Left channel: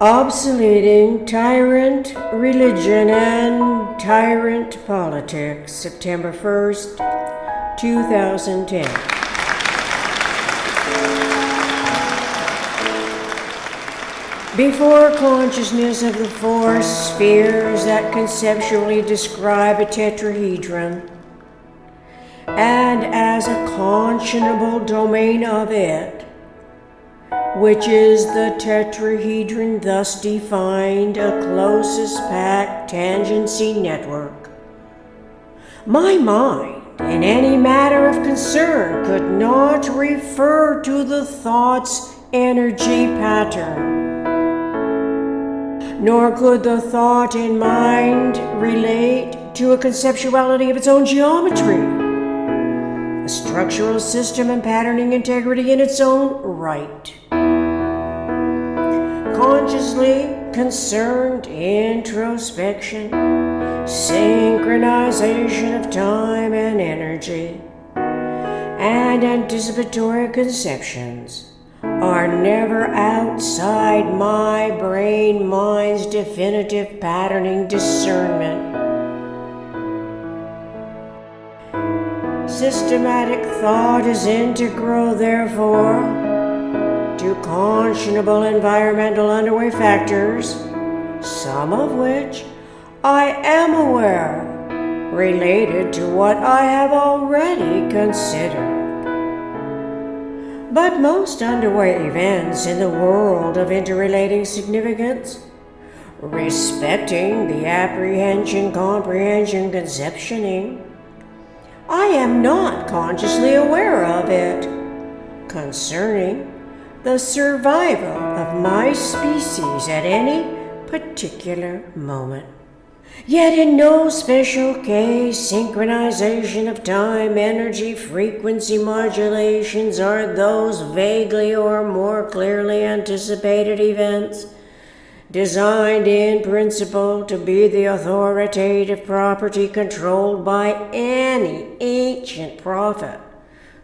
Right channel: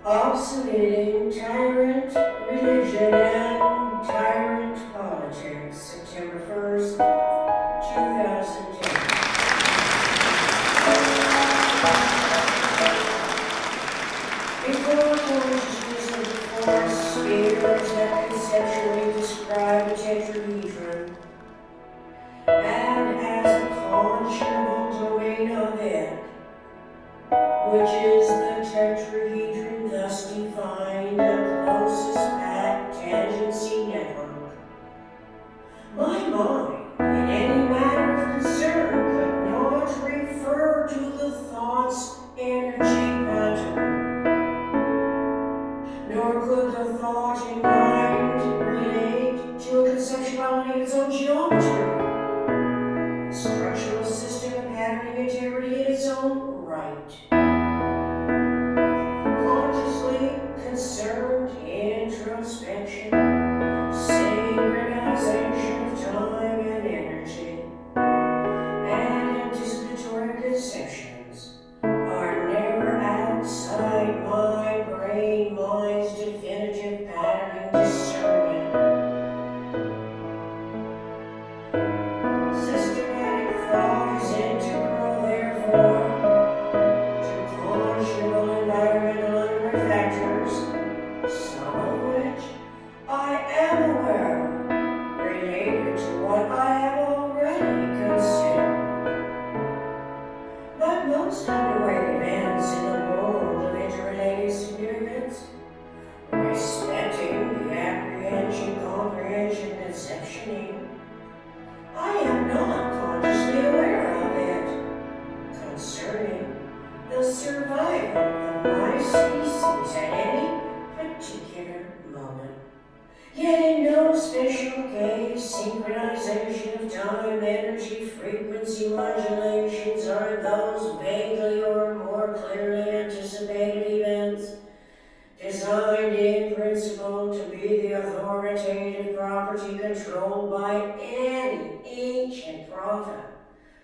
Obsoleting Tyrant, Religion, and Tyrant Politics, September 1st, 2010. Before consciousness of the four spheres that conceptually describe a tetrahedron, and as a conscionable domain of it, which is the tetrahedron thus defined, a closest packed tangency network, my mind, in any matter of concern, could not refer to the thought's energy pattern, nor could the thought in mind relate to a conceptuality of its own geometry, a structural system and patterning integrity in its own right. Consciously concerned introspection, synchronization of time and energy, and anticipatory conceptions are never outside my brain-mind's definitive patterning discernment. Systematic thought is integral, therefore, to conscionable environmental underway factors, some of which I am aware related to what I have already considered. But most underway events in the world of interrelating significance, respecting the apprehension, comprehension, conceptioning, I am not consciously aware of it, concerning the survival of my species at any particular moment. Yet in no special case, synchronization of time, energy, frequency modulations are those vaguely or more clearly anticipated events designed in principle to be the authoritative property controlled by any ancient prophet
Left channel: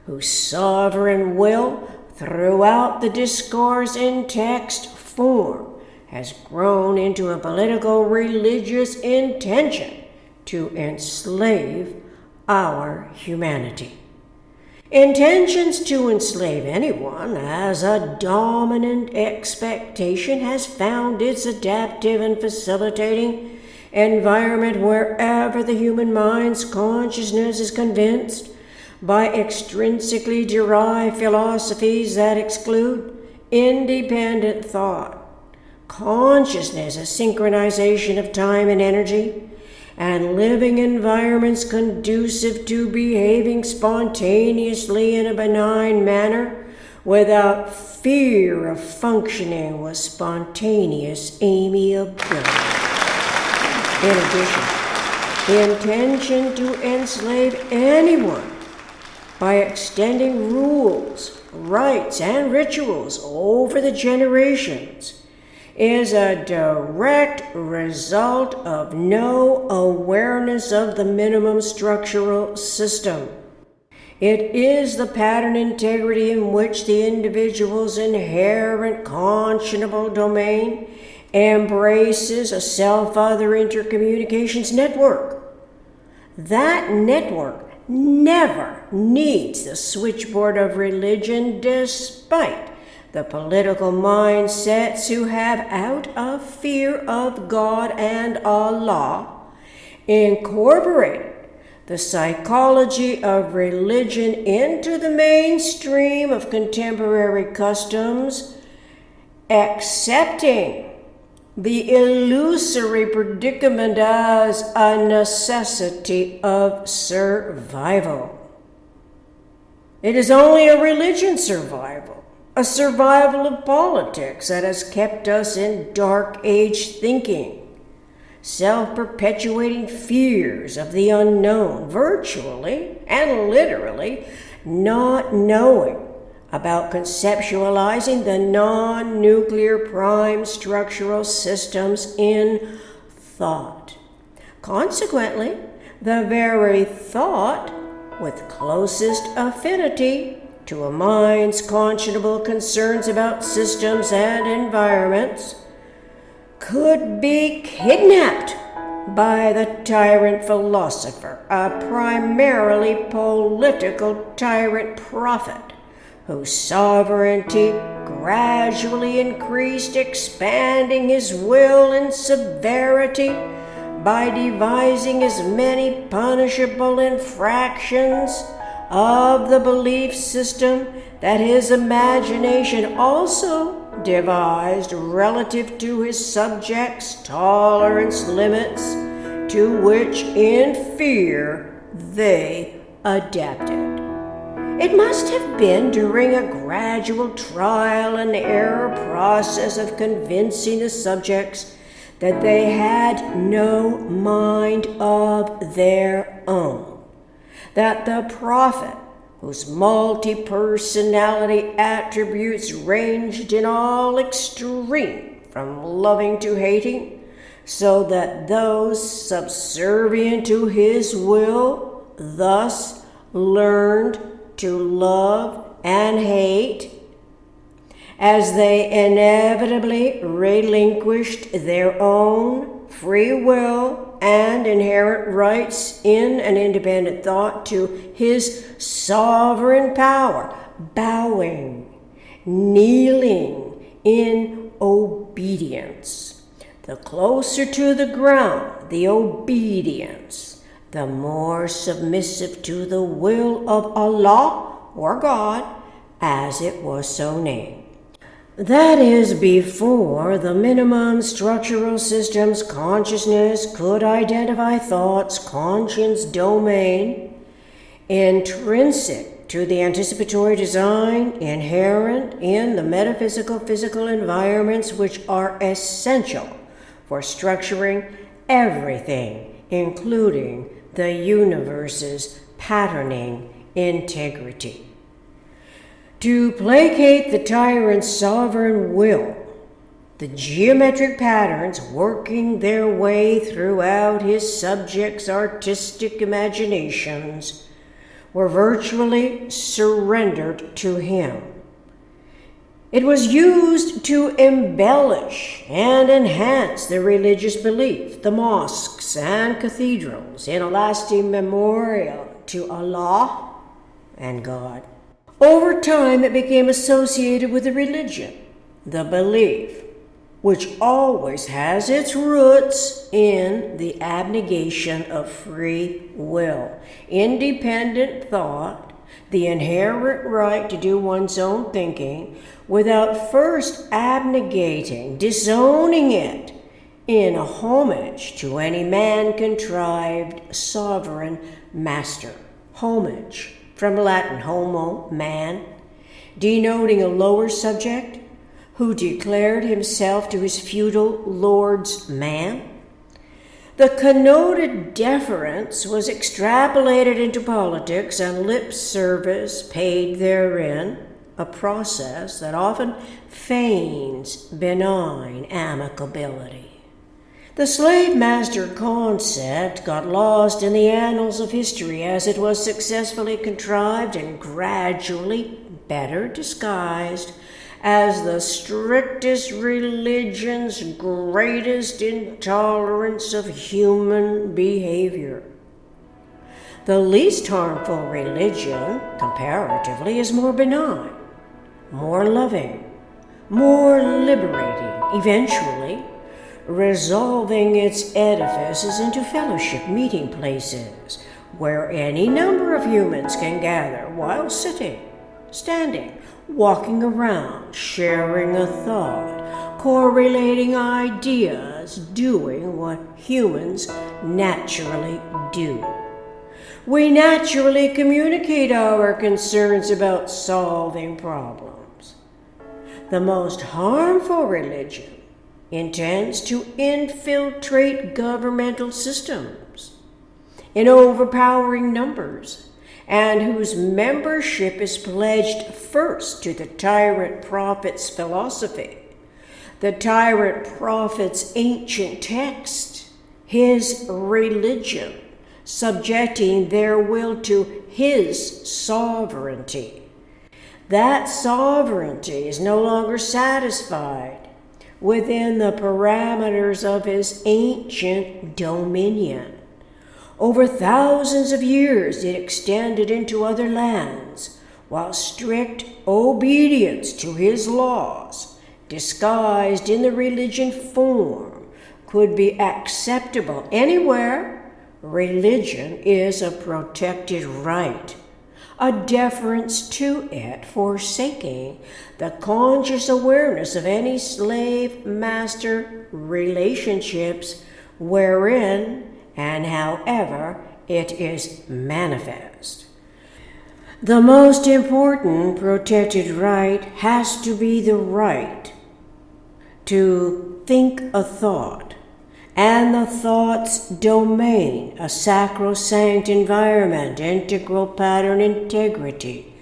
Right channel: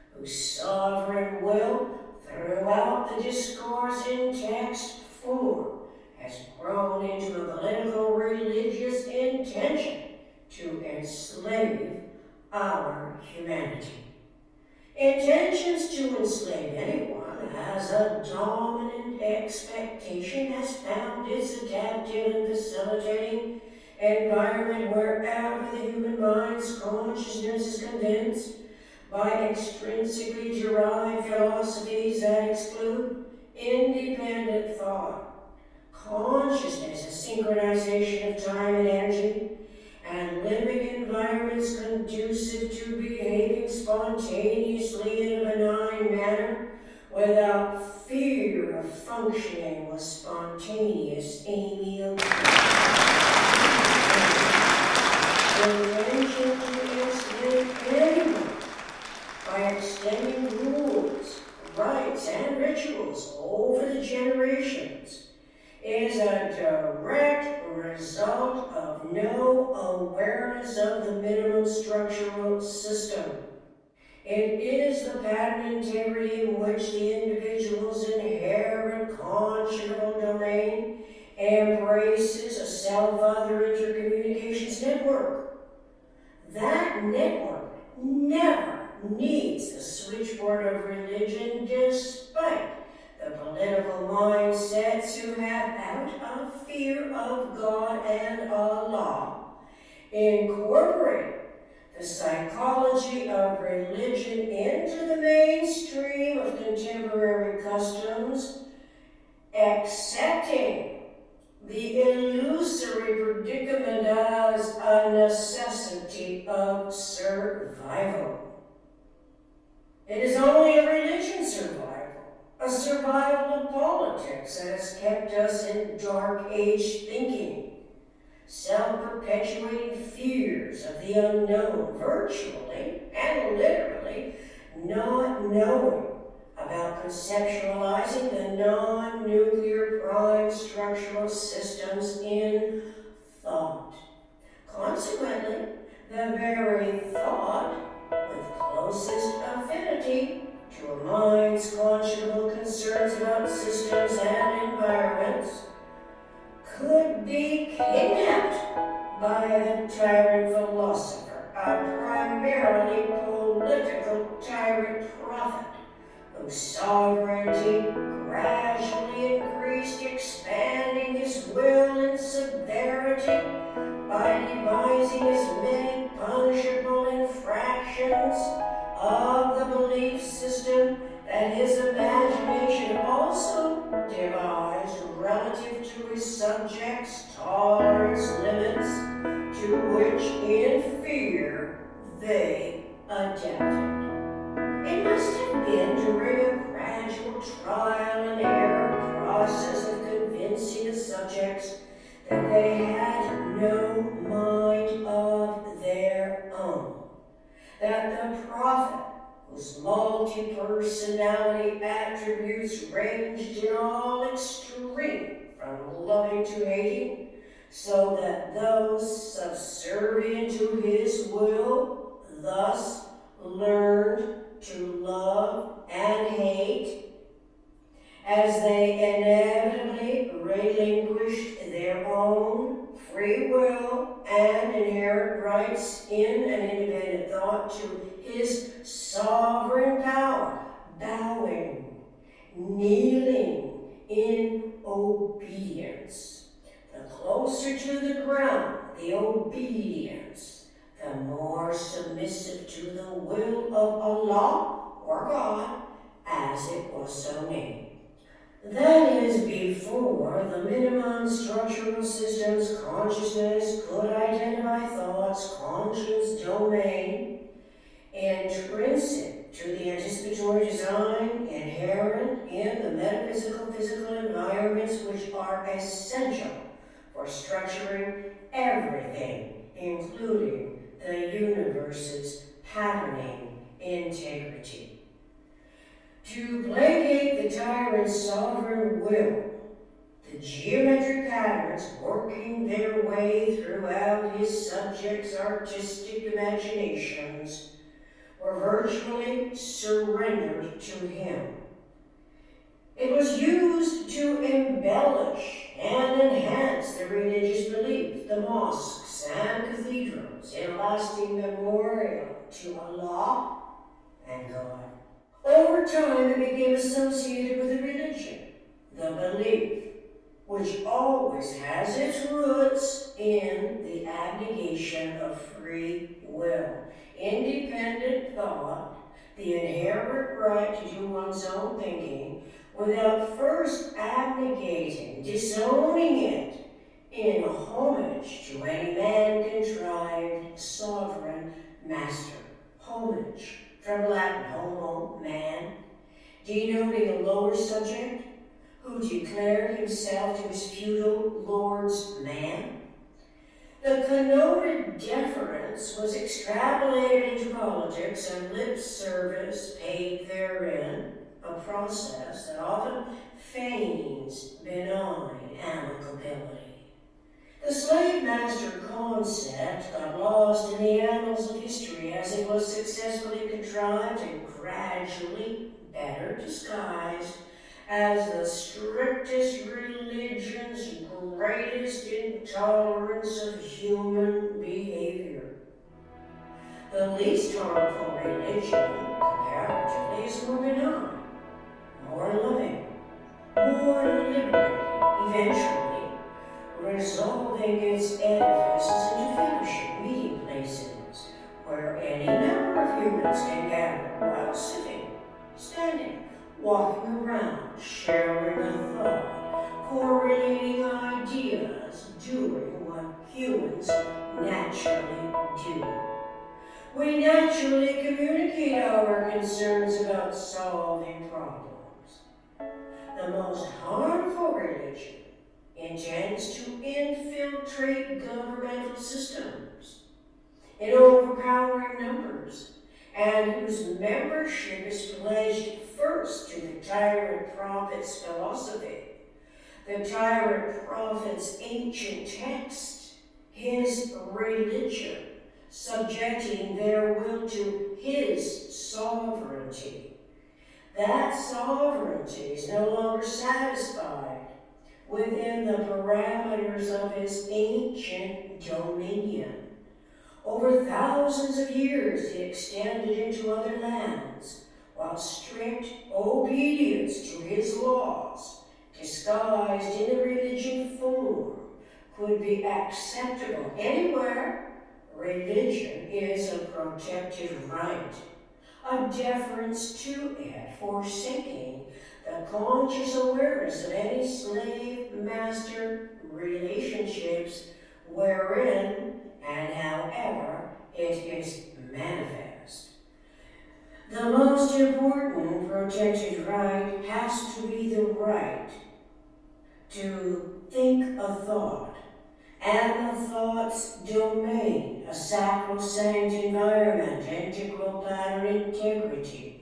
whose sovereign will throughout the discourse in text form has grown into a political religious intention to enslave our humanity. Intentions to enslave anyone as a dominant expectation has found its adaptive and facilitating environment wherever the human mind's consciousness is convinced by extrinsically derived philosophies that exclude independent thought. Consciousness is synchronization of time and energy, and living environments conducive to behaving spontaneously in a benign manner without fear of functioning with spontaneous amiability. In addition, the intention to enslave anyone by extending rules, rites, and rituals over the generations is a direct result of no awareness of the minimum structural system. It is the pattern integrity in which the individual's inherent conscionable domain embraces a self-other intercommunications network. That network never needs the switchboard of religion, despite the political mindsets who have, out of fear of God and Allah, incorporated the psychology of religion into the mainstream of contemporary customs, accepting the illusory predicament as a necessity of survival. It is only a religion survival, a survival of politics that has kept us in dark age thinking, self-perpetuating fears of the unknown, virtually and literally not knowing about conceptualizing the non-nuclear prime structural systems in thought. Consequently, the very thought with closest affinity to a mind's conscionable concerns about systems and environments could be kidnapped by the tyrant philosopher, a primarily political tyrant prophet whose sovereignty gradually increased, expanding his will and severity by devising as many punishable infractions of the belief system that his imagination also devised relative to his subjects' tolerance limits, to which in fear they adapted. It must have been during a gradual trial and error process of convincing the subjects that they had no mind of their own, that the prophet, whose multi-personality attributes ranged in all extreme from loving to hating, so that those subservient to his will thus learned to love and hate, as they inevitably relinquished their own free will and inherent rights in an independent thought to his sovereign power, bowing, kneeling in obedience. The closer to the ground the obedience, the more submissive to the will of Allah or God, as it was so named. That is, before the minimum structural systems consciousness could identify thoughts, conscience domain, intrinsic to the anticipatory design, inherent in the metaphysical physical environments which are essential for structuring everything, including the universe's patterning integrity. To placate the tyrant's sovereign will, the geometric patterns working their way throughout his subjects' artistic imaginations were virtually surrendered to him. It was used to embellish and enhance the religious belief, the mosques and cathedrals, in a lasting memorial to Allah and God. Over time, it became associated with the religion, the belief, which always has its roots in the abnegation of free will, independent thought, the inherent right to do one's own thinking without first abnegating, disowning it in homage to any man-contrived sovereign master. Homage, from Latin homo, man, denoting a lower subject who declared himself to his feudal lord's man. The connoted deference was extrapolated into politics and lip service paid therein, a process that often feigns benign amicability. The slave master concept got lost in the annals of history as it was successfully contrived and gradually better disguised as the strictest religion's greatest intolerance of human behavior. The least harmful religion, comparatively, is more benign, more loving, more liberating, eventually resolving its edifices into fellowship meeting places where any number of humans can gather while sitting, standing, walking around, sharing a thought, correlating ideas, doing what humans naturally do. We naturally communicate our concerns about solving problems. The most harmful religion intends to infiltrate governmental systems in overpowering numbers, and whose membership is pledged first to the tyrant prophet's philosophy, the tyrant prophet's ancient text, his religion, subjecting their will to his sovereignty. That sovereignty is no longer satisfied within the parameters of his ancient dominion. Over thousands of years it extended into other lands, while strict obedience to his laws, disguised in the religion form, could be acceptable anywhere. Religion is a protected right, a deference to it forsaking the conscious awareness of any slave-master relationships wherein and however it is manifest. The most important protected right has to be the right to think a thought, and the thought's domain, a sacrosanct environment, integral pattern integrity,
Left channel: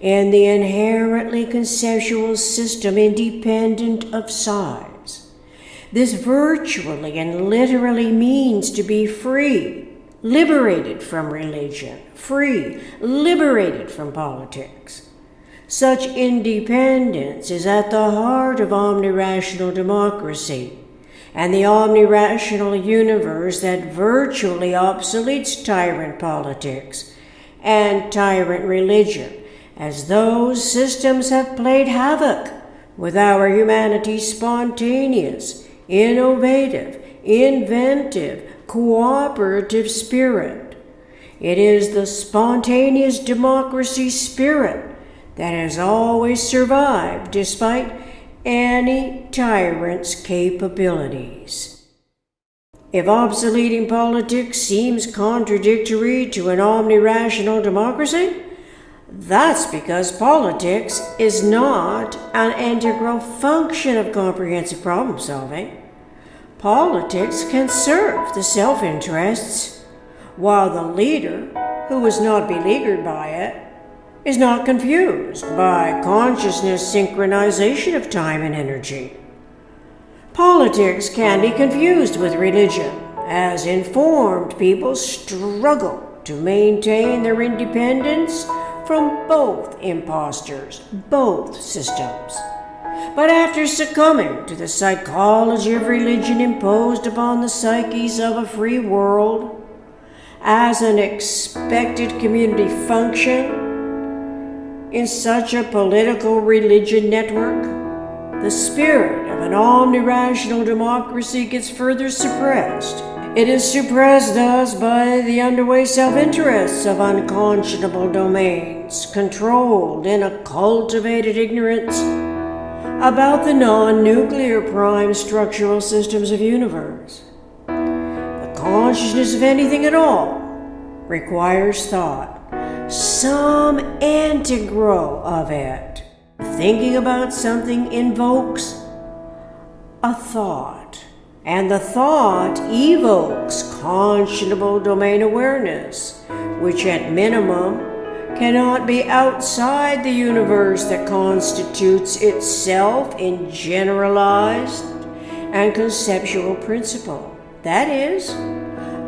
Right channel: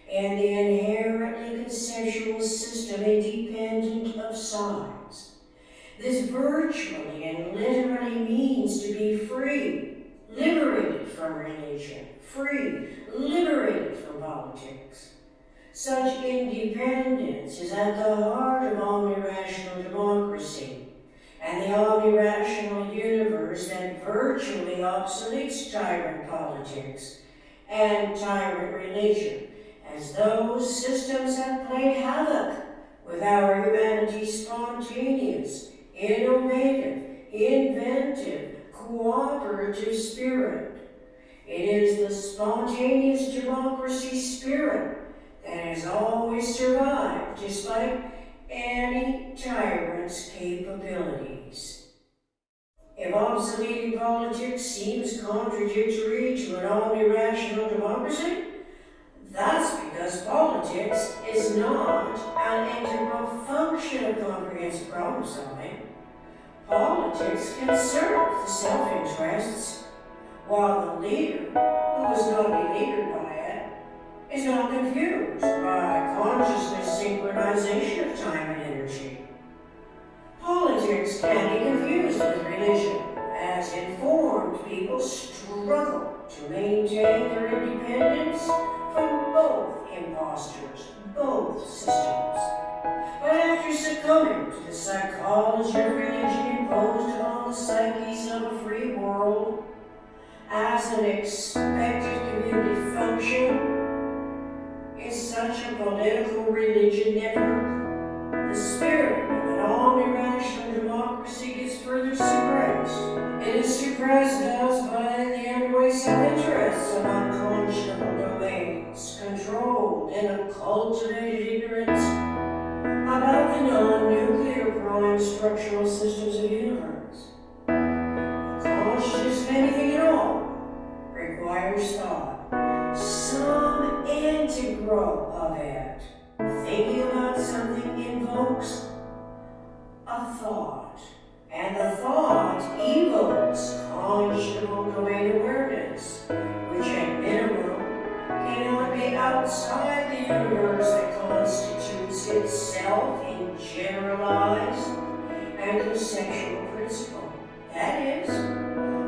in the inherently conceptual system independent of size. This virtually and literally means to be free, liberated from religion, free, liberated from politics. Such independence is at the heart of omnirational democracy and the omnirational universe that virtually obsoletes tyrant politics and tyrant religion, as those systems have played havoc with our humanity's spontaneous, innovative, inventive, cooperative spirit. It is the spontaneous democracy spirit that has always survived despite any tyrant's capabilities. If obsoleting politics seems contradictory to an omnirational democracy, that's because politics is not an integral function of comprehensive problem solving. Politics can serve the self-interests, while the leader, who is not beleaguered by it, is not confused by consciousness synchronization of time and energy. Politics can be confused with religion, as informed people struggle to maintain their independence from both imposters, both systems. But after succumbing to the psychology of religion imposed upon the psyches of a free world as an expected community function, in such a political religion network, the spirit of an omnirational democracy gets further suppressed. It is suppressed thus by the underway self-interests of unconscionable domains, controlled in a cultivated ignorance about the non-nuclear prime structural systems of universe. The consciousness of anything at all requires thought, some integral of it. Thinking about something invokes a thought, and the thought evokes conscionable domain awareness, which at minimum cannot be outside the universe that constitutes itself in generalized and conceptual principle. That is,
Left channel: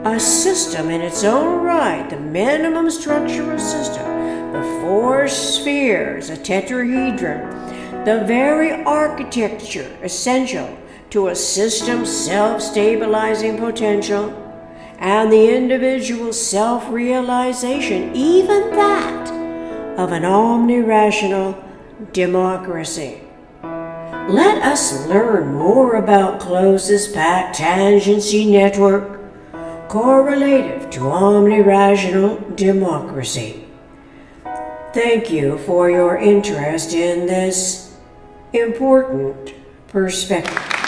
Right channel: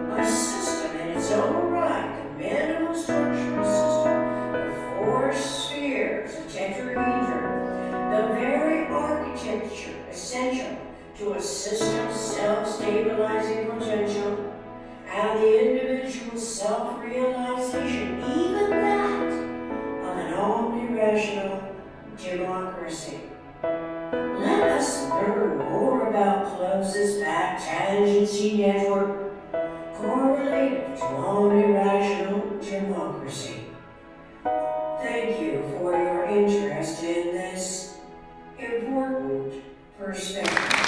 a system in its own right, the minimum structural system, the four spheres, a tetrahedron, the very architecture essential to a system's self-stabilizing potential, and the individual self-realization, even that of an omnirational democracy. Let us learn more about closest packed tangency network correlative to omnirational democracy. Thank you for your interest in this important perspective.